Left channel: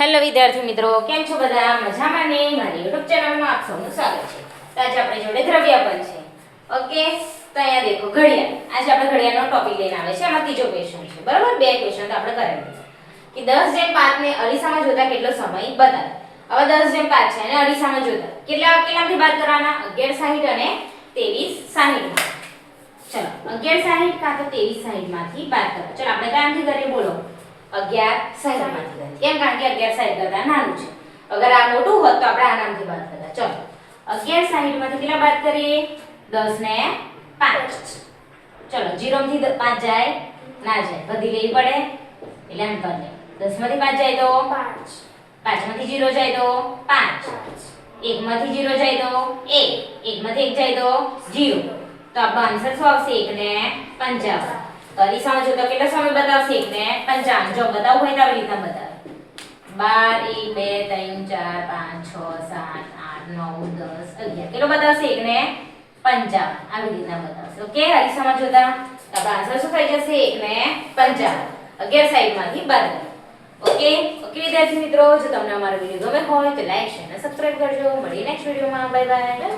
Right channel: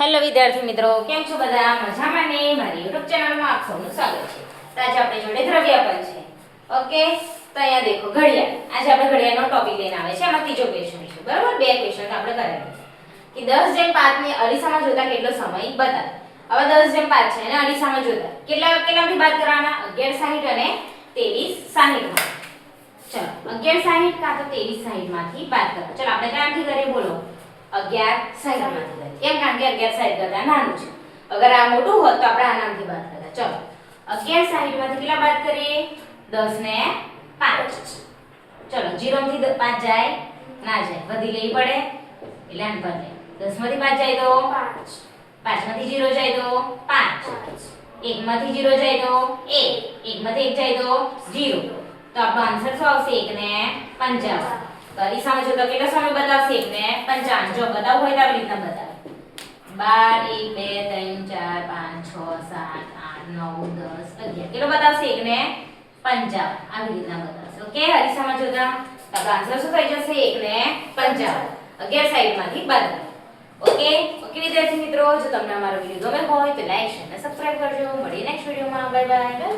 Hello વિદ્યાર્થી મિત્રો, કેમ છો બધા? મજામાં ને? મારી YouTube ચેનલમાં આપ સૌનું સ્વાગત છે. તો આજે આપણે જોડે દ્રવ્યાપન છે. ઓકે, તો અહીંયા દેખો ઘડિયાળ. આજે આપણે ઘડિયાળનો ટોપિક લઈને આવે છે. આમાં ત્રીજો ક્વેશ્ચન છે. બરાબર, બે ક્વેશ્ચન આપણે કરેલા કે 10:05 ને અરીસામાં જોતા કેટલો સમય બતાવે. હવે 10:05 છે અને અરીસામાં જોતા કેટલામાંથી બાદ કરવાના? 11:60 અને 23:60. ચલો 11:60 કાં તો 23:60 માંથી બાદ કરો. ચલો આપણે ક્યાંથી કરીએ બોલો? 11:60 માંથી. કેમ? કારણ કે 11:60 કરતા નાનું છે. અગર આ મોટું હોત તો આપણે આનામાંથી બાદ કરતા. ચલો 11:60 માંથી કેટલા બાદ કરીએ? 10 ને 5. ચલો 0 માંથી 5 જાય ના જાય, વધી લેવી પડે એટલે આમ કરીએ. 10 માંથી 5 જાય તો 5, 5 માંથી 0 જાય તો 5, 1 માંથી 0 જાય તો 1, 1 માંથી 1 જાય તો 0. તો આપણો આન્સર શું આવશે? 1 ને 55. અરીસામાં જો તો કેટલો સમય બતાવશે? 1 ને 55. જો બતાવવું હોય તો આવી રીતના બતાવે. 12 1 2 3 4 5 6 7 8 9 10 11 કેટલો બતાવશે? 1 ને 55. આવી રીતના બતાવશે. ઓકે, અરીસામાં જોતા આપણો આન્સર શું થઈ જશે? 1 ને 55. 11:60 માંથી બાદ કરો. ઓકે ઓકે વિદ્યાર્થી મિત્રો, જો તમને અમારો વિડિયો ગમે હોય તો લાઈક શેર અને સબસ્ક્રાઇબ કરજો. મળીએ નેક્સ્ટ વિડિયોમાં. Bye bye.